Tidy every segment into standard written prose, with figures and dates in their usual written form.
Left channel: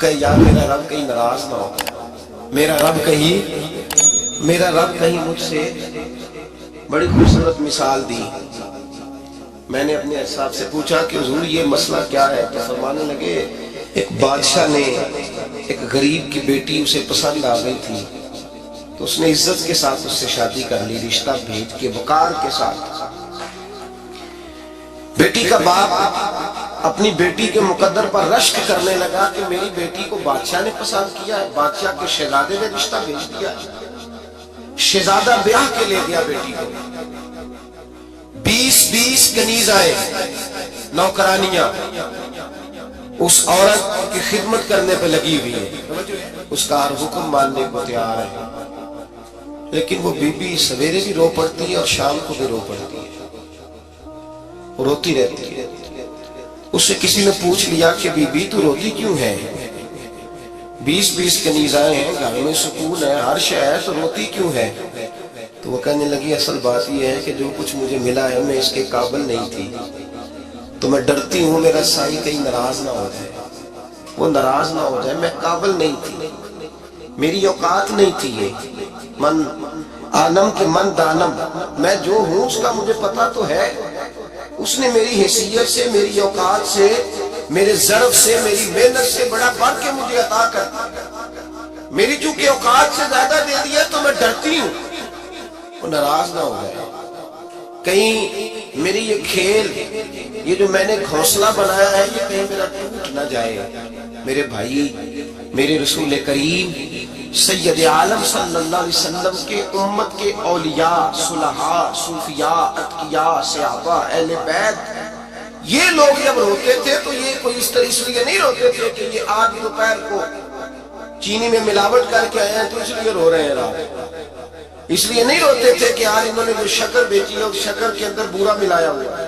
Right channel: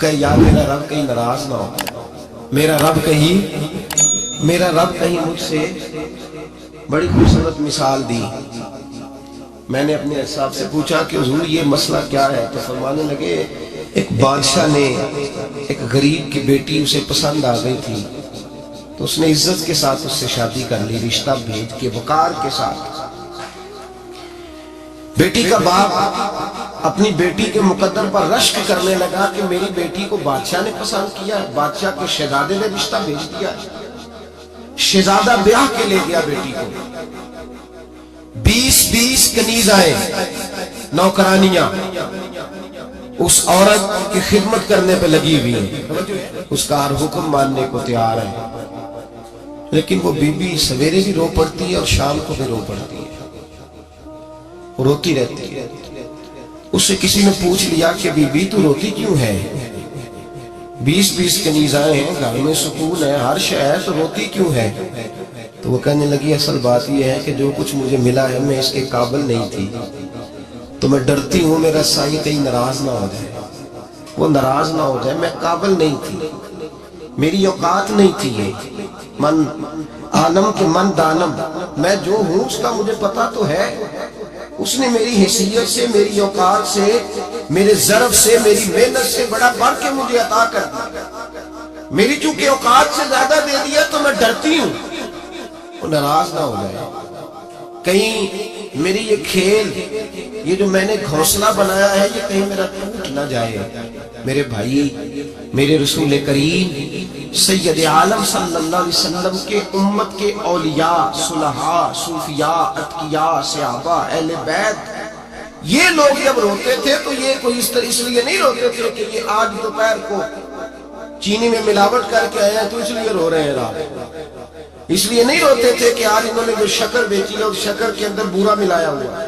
کہے یار میرا رب کہیں ناراض نہ ہو، میرا رب کہیں مجھ سے بڑی خوبصورت مثال دی۔ میں نے اپنے صاحب سے پوچھا کہ حضور یہ مسئلہ کیا ہے؟ تو فرمانے لگے ایک بادشاہ نے ایک غریب کی بیٹی اسے پسند آ گئی تھی تو اس نے عزت کے ساتھ اس سے شادی کر لی، رشتہ بھیج کے وقار کے ساتھ۔ بیٹی کا باپ اپنی بیٹی کے مقدر پر رشک کرنے لگا کہ میری بیٹی کو بادشاہ نے پسند کیا ہے، بادشاہ کے شہزادے نے رشتہ بھیج دیا ہے۔ شہزادہ بیاہ کے لے گیا بیٹی کو، 20 کنیزائیں نوکرانیاں اس عورت کی خدمت کرنے پہ لگی ہوئی ہیں، اس کا ہر حکم ماننے کو تیار ہے، لیکن وہ بی بی سویرے بھی رو پڑتی ہے اور شام کو بھی رو پڑتی ہے، وہ روتی رہتی ہے۔ اس سے کسی نے پوچھ لیا کہ بی بی تو روتی کیوں ہے؟ 20 کنیزائیں ہیں، گھر میں سکون ہے، ہر شے ہے، تو روتی کیوں ہے؟ تو وہ کہنے لگی اصل بات یہ ہے کہ جو کچھ مجھے ملا ہے میں اس کے قابل نہیں تھی، تو میں ڈرتی ہوں میرا سائیں کہیں ناراض نہ ہو جائے، وہ ناراض نہ ہو جائے، میں قابل نہیں تھی، میری اوقات نہیں تھی، یہ من آنم کے من دانم، میں جو ہوں اس کا مجھے پتا تو ہے، اس نے میری حیثیت سے، میری اوقات سے، میرے ظرف سے، میری محنت سے بڑا بڑھ کے مجھے عطا کر دیا، میری چونکہ اوقات سے زیادہ دے دیا تو میں ڈرتی ہوں وہ ناراض نہ ہو جائے، کہیں میری یہ کھیل، یہ جو میں نے گھونسلہ بنایا ہے یہ کہیں میرا ٹوٹ نہ جائے۔ میرے بھائی، میرے رسول کریم سید عالم صلی اللہ علیہ وسلم کے امت کے اولیاء، صلحاء، صوفیاء، اتقیاء، صحابہ، اہل بیت، یہ لوگ جب روتے تھے تو یہ کوئی اس لیے نہیں روتے تھے کہ یہ آج دوپہر کو چینی میں ملاوٹ کر کے آئے ہیں تو اس لیے رو رہے ہیں رات، اس لیے نہیں روتے تھے کہ آج انہوں نے جو شکر بیچی ہے اس شکر کے اندر بورا ملایا ہوا ہے،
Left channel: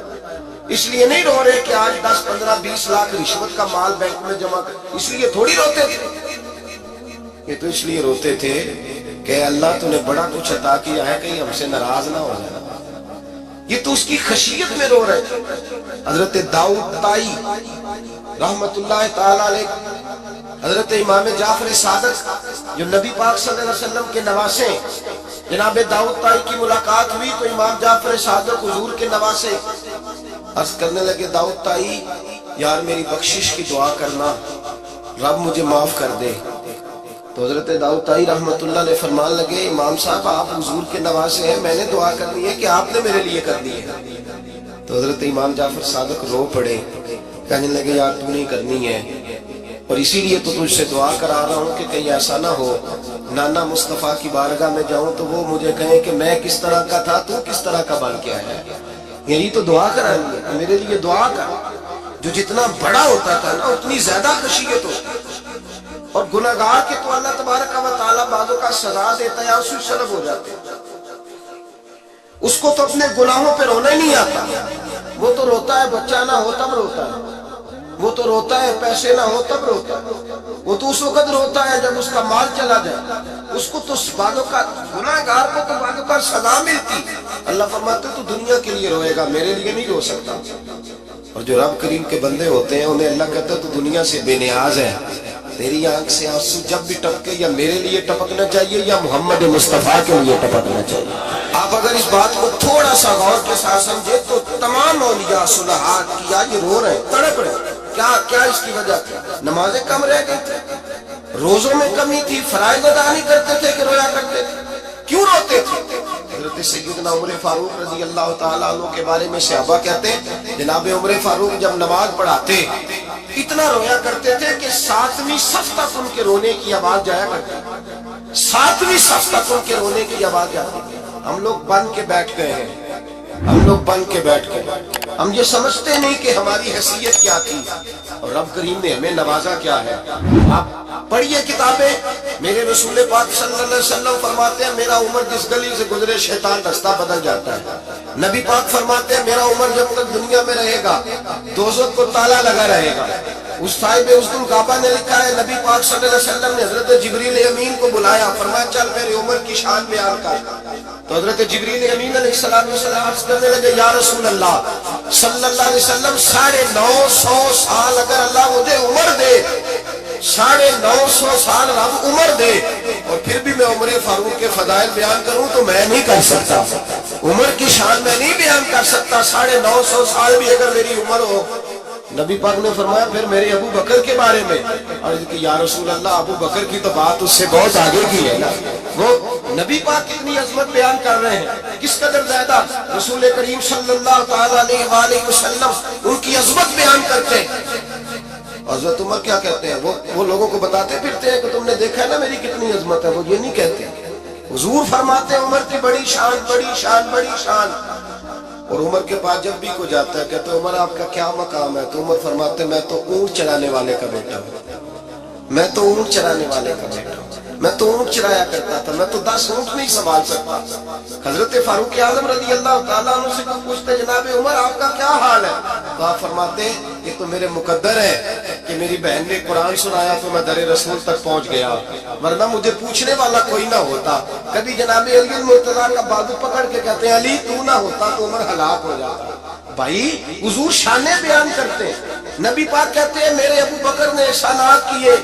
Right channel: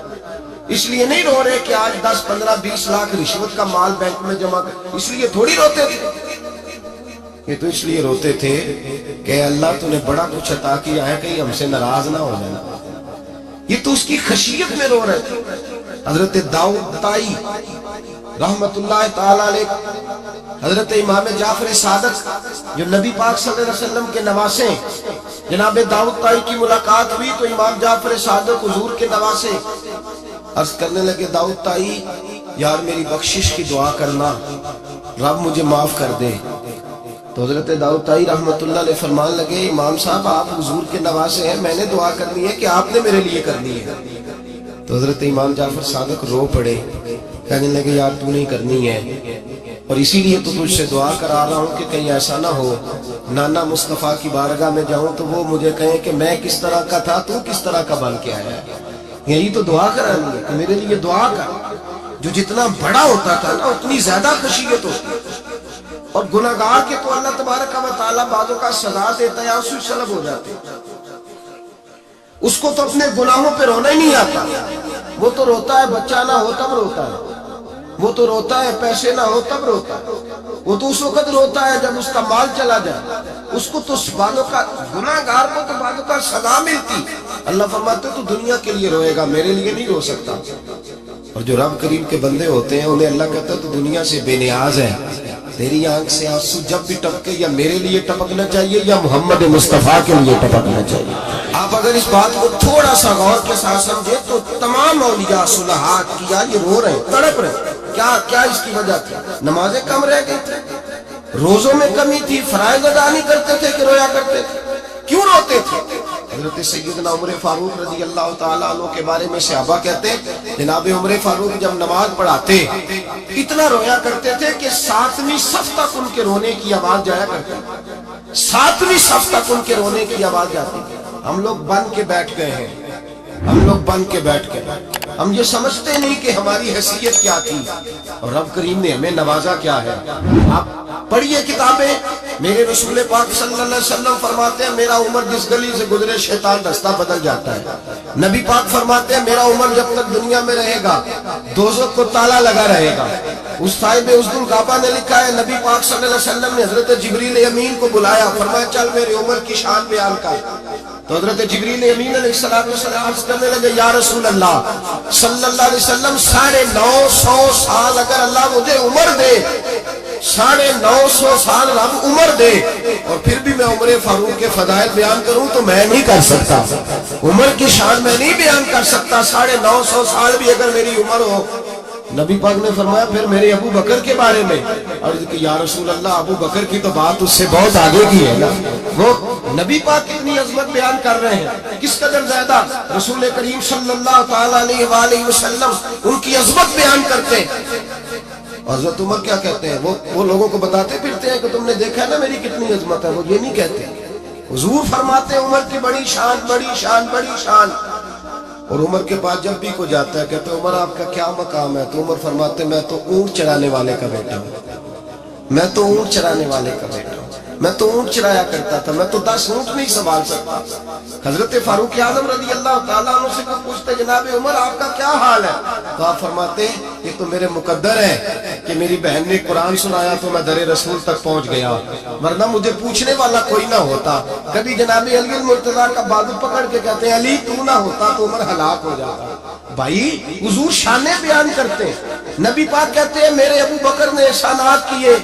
اس لیے نہیں رو رہے کہ آج 10 15 20 لاکھ رشوت کا مال بینک میں جمع کر، اس لیے تھوڑی روتے تھے، یہ تو اس لیے روتے تھے کہ اللہ تو نے بڑا کچھ عطا کیا ہے کہیں ہم سے ناراض نہ ہو جانا، یہ تو اس کی خشیت میں رو رہے تھے۔ حضرت داؤد طائی رحمت اللہ تعالی علیہ، حضرت امام جعفر صادق جو نبی پاک صلی اللہ علیہ وسلم کے نواسے، جناب داؤد طائی کی ملاقات ہوئی تو امام جعفر صادق حضور کے نواسے عرض کرنے لگے داؤد طائی یار میری بخشش کی دعا کرنا، رب مجھے معاف کر دے۔ تو حضرت داؤد طائی رحمت اللہ علیہ فرمان لگے امام صاحب آپ حضور کے نواسے ہیں، میں نے دعا کرنی ہے کہ آپ نے میرے لیے کرنی ہے؟ تو حضرت امام جعفر صادق رو پڑے، کہنے لگے یار تو نہیں کرنی ہے، اور اسی لیے تو تجھ سے دعا کرا رہا ہوں کہ کہیں ایسا نہ ہو نانا مصطفیٰ کی بارگاہ میں جاؤں تو وہ مجھے کہیں کہ میں کس طرح کا تھا تو کس طرح کا بن کے آیا ہے، یہی تو دعا کرانی ہے کہ میرے لیے دعا کر۔ جو جتنا بڑا ہوتا تھا نا اتنی زیادہ خشیت ہوتی، اور گناہگار کے تو اللہ تبارک و تعالیٰ بعضوں کا سزا دیتا ہے، آنسو سلب ہو جاتے، اس کو تو اپنے گناہوں پہ رونا ہی نہیں آتا، وہ تو روتا ہے بچہ نہ ہو تب روتا ہے، وہ تو روتا ہے پیسے نہ ہو تب روتا ہے، وہ تو اس وقت روتا ہے جب اس کا مال چلا جائے، اس کو تو بعضوں کا گناہگار کو تو بعضوں کا سزا ملتی، اللہ فرماتے تو دنیا کے لیے روئے گا میرے لیے نہیں رو سکتا، اور جو رب کریم کے بندے ہوتے ہیں انہیں اللہ کہتا ہے تو دنیا سے بے نیاز ہے، تیری آنکھ سے آنسو جب بھی ٹپکے یا میرے لیے ٹپکنا چاہیے یا محمد مصطفیٰ کے لیے ٹپکنا چاہیے۔ آپ اگر اس بات کو تھوڑا سا غور کے ساتھ سمجھے تو تمام اولیاء صلحاء کیا یہ رو رہے ہیں، تڑپ رہے ہیں، کیا اس کی وجہ تھی؟ نمازیں کم رہ گئی تھی، روزوں میں کمی تھی، فرائض ادا نہیں کرتے تھے کہ رویا کرتے تھے، کیوں روتے تھے؟ حضرت سیدنا عمر فاروق رضی اللہ تعالیٰ عنہ کے بارے میں صحابہ کہتے ہیں جناب عمر فاروق جب نماز پڑھاتے اتنا رویا کرتے تھے کہ 7ویں صف تک ان کے رونے کی آواز جایا کرتی، 7ویں صف تک ان کے رونے کی آواز جاتی۔ ہم لوگ بن کے بیٹھ گئے ہیں، ہم لوگ بن کے بیٹھ گئے، ہم یہ سمجھتے نہیں کہ ہماری حیثیت کیا تھی اور رب کریم نے ہمیں نوازا کیا ہے۔ آپ پڑھیے کتابیں، میرے رسول پاک صلی اللہ علیہ وسلم فرماتے ہیں میرا عمر جس گلی سے گزرے شیطان رستہ بدل جاتا ہے، نبی پاک فرماتے ہیں میرا عمر جب تک دنیا میں رہے گا دوزخ کو تالا لگا رہے گا۔ اس صاحب عزد الغابہ نے لکھا ہے نبی پاک صلی اللہ علیہ وسلم نے حضرت جبریل امین کو بلایا، فرمایا چل میرے عمر کی شان بیان کر، تو حضرت جبریل امین علیہ السلام عرض کرنے لگے یا رسول اللہ صلی اللہ علیہ وسلم 950 سال اگر اللہ مجھے عمر دے 950 سال رب عمر دے اور پھر بھی میں عمر فاروق کے فضائل بیان کروں تو میں نہیں کر سکتا، عمر کی شان میں نہیں بیان کر سکتا۔ 950 سال بھی اگر میری عمر ہو، نبی پاک نے فرمایا پھر میرے ابو بکر کے بارے میں، عرض کی یا رسول اللہ ابو بکر کی تو بات اس سے بہت آگے کی ہے نا، وہ نبی پاک کتنی عظمت بیان کر رہے ہیں، کس قدر زیادہ رسول کریم صلی اللہ تعالی علیہ وآلہ وسلم ان کی عظمت بیان کرتے ہیں۔ حضرت عمر کیا کہتے ہیں، وہ لوگوں کو بتاتے پھرتے ہیں کہ تم نے دیکھا ہے نا میری کتنی عظمت ہے، وہ یہ نہیں کہتے، حضور فرماتے ہیں عمر کی بڑی شان بڑی شان بڑی شان۔ اور عمر کے پاس جب بھی کوئی جاتا ہے کہتے ہیں عمر آپ کا کیا مقام ہے، تو عمر فرماتے ہیں میں تو اونٹ چرانے والے کا بیٹا ہوں، میں تو اونٹ چرانے والے کا بیٹا ہوں، میں تو اونٹ چرایا کرتا تھا، میں تو 10 اونٹ نہیں سنبھال سکتا۔ حضرت فاروق اعظم رضی اللہ تعالیٰ عنہ سے کوئی پوچھتے جناب عمر آپ کا کیا حال ہے، تو آپ فرماتے ہیں یہ تو میرے مقدر ہے کہ میری بہن نے قرآن سنایا تو میں در رسول تک پہنچ گیا، ورنہ مجھے پوچھنے والا کوئی نہ ہوتا۔ کبھی جناب علی المرتضیٰ کا بازو پکڑ کے کہتے ہیں علی تو نہ ہوتا تو عمر ہلاک ہو جاتا۔ بھائی حضور شانیں بیان کرتے ہیں، نبی پاک کہتے ہیں میرے ابو بکر نے احسانات کیے،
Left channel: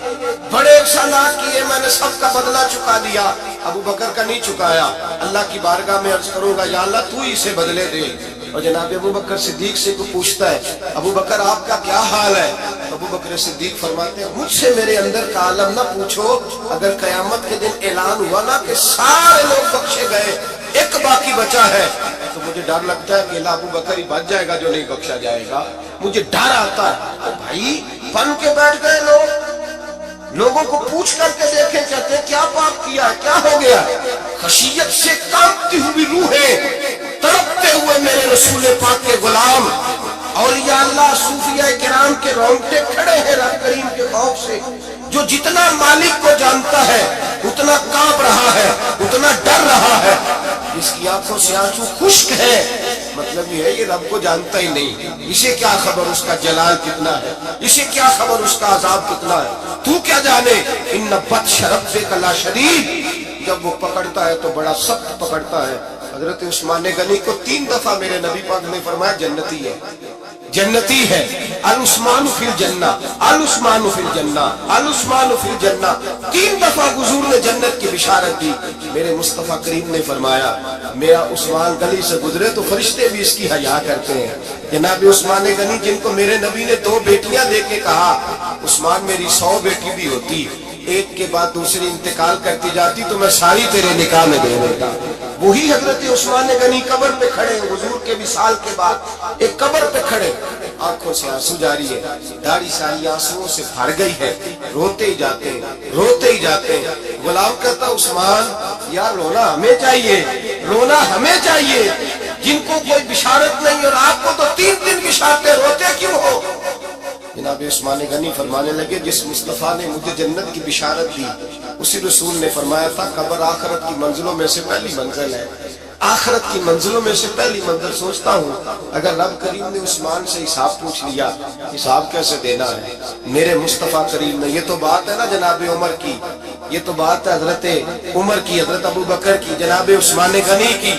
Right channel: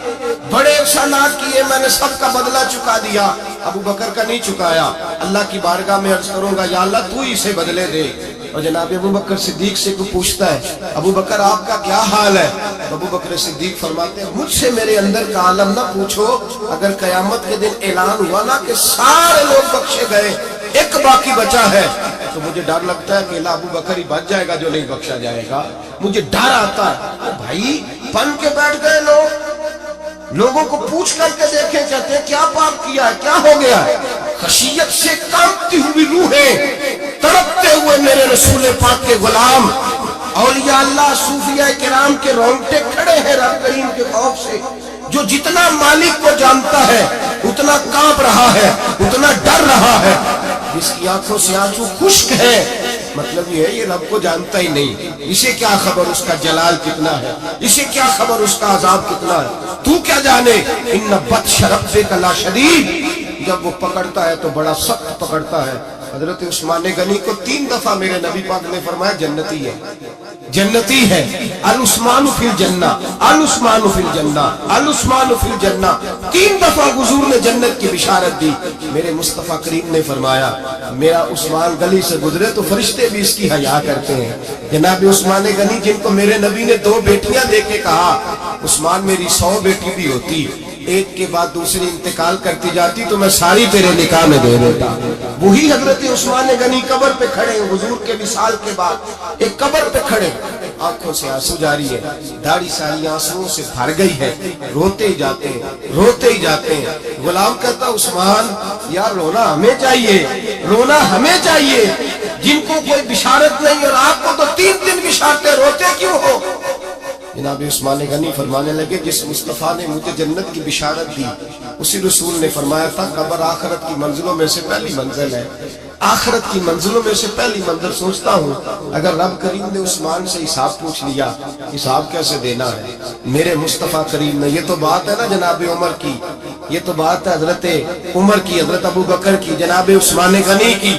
بڑے احسانات کیے، میں نے سب کا بدلہ چکا دیا، ابو بکر کا نہیں چکایا۔ اللہ کی بارگاہ میں عرض کروں گا یا اللہ تو ہی اسے بدلے دے۔ اور جناب ابو بکر صدیق سے کوئی پوچھتا ہے ابو بکر آپ کا کیا حال ہے، تو ابو بکر صدیق فرماتے ہیں مجھ سے میرے اندر کا عالم نہ پوچھو، اگر قیامت کے دن اعلان ہوا نا کہ سارے لوگ بخشے گئے ایک باقی بچا ہے تو مجھے ڈر لگتا ہے کہ اللہ ابو بکر ہی بچ جائے گا جو نہیں بخشا جائے گا، مجھے ڈر آتا ہے۔ تو بھائی بن کے بیٹھ گئے لوگوں کو پوچھ کر کے دیکھیں، کہتے ہیں کیا پاپ کیا ہے، کیا ہو گیا ہے؟ خشیت سے کانپتی ہوئی روحیں، تڑپتے ہوئے میرے رسول پاک کے غلام، اولیاء اللہ صوفیاء کرام کے رونگٹے کھڑے ہیں رب کریم کے خوف سے، جو جتنا مالک کو جانتا ہے اتنا کانپ رہا ہے، اتنا ڈر رہا ہے، جس کی آنکھوں سے آنسو خشک ہے، مطلب یہ ہے یہ رب کو جانتا ہی نہیں، اسے کیا خبر اس کا جلال کتنا ہے، اسے کیا خبر اس کا عذاب کتنا ہے، تو کیا جانے۔ ان بطش ربک لشدید، جب وہ پکڑتا ہے تو بڑا سخت پکڑتا ہے۔ حضرت عثمان غنی کو 3 دفعہ میرے نبی پاک نے فرمایا جنتی ہے، جنتی ہے، العثمان فی الجنہ، العثمان فی الجنہ، العثمان فی الجنہ، 3 دفعہ حضور نے جنت کی بشارت دی۔ میرے مصطفیٰ کریم نے فرمایا میرا عثمان گلی سے گزرے تو فرشتے بھی اس کی حیا کرتے ہیں۔ جناب عثمان غنی جن کو میرے نبی نے 2 بیٹیاں دے کے کہا عثمان میری 100 بیٹی بھی ہوتی، ایک کے بعد دوسری انتقال کرتی جاتی تو میں ساری تیرے نکاح میں دے دیتا، وہی حضرت عثمان غنی قبر پہ کھڑے حضور کے وصال کے بعد ایک قبر پہ کھڑے، آنکھوں سے آنسو جاری ہے، داڑھی ساری آنسوؤں سے بھر گئی ہے، روتے ہی جاتے ہیں، روتے ہی جاتے ہیں۔ غلام کہتا عثمان یار رونا ہمیں چاہیے، رونا ہمیں چاہیے، جن کو کوئی بشارت نہیں اور آپ کو تو 3 بشارتیں، روتے کیوں ہو؟ جناب عثمان غنی فرمانے لگے جس مصطفیٰ نے مجھے جنت کی بشارت دی اسی رسول نے فرمایا تھا قبر آخرت کی منزلوں میں سے پہلی منزل ہے، آخرت کی منزلوں میں سے پہلی منزل۔ سوچتا ہوں اگر رب کریم نے عثمان سے حساب پوچھ لیا حساب کیسے دینا ہے میرے مصطفیٰ کریم نے۔ یہ تو بات ہے نا جناب عمر کی، یہ تو بات ہے حضرت عمر کی، حضرت ابو بکر کی، جناب عثمان غنی کی۔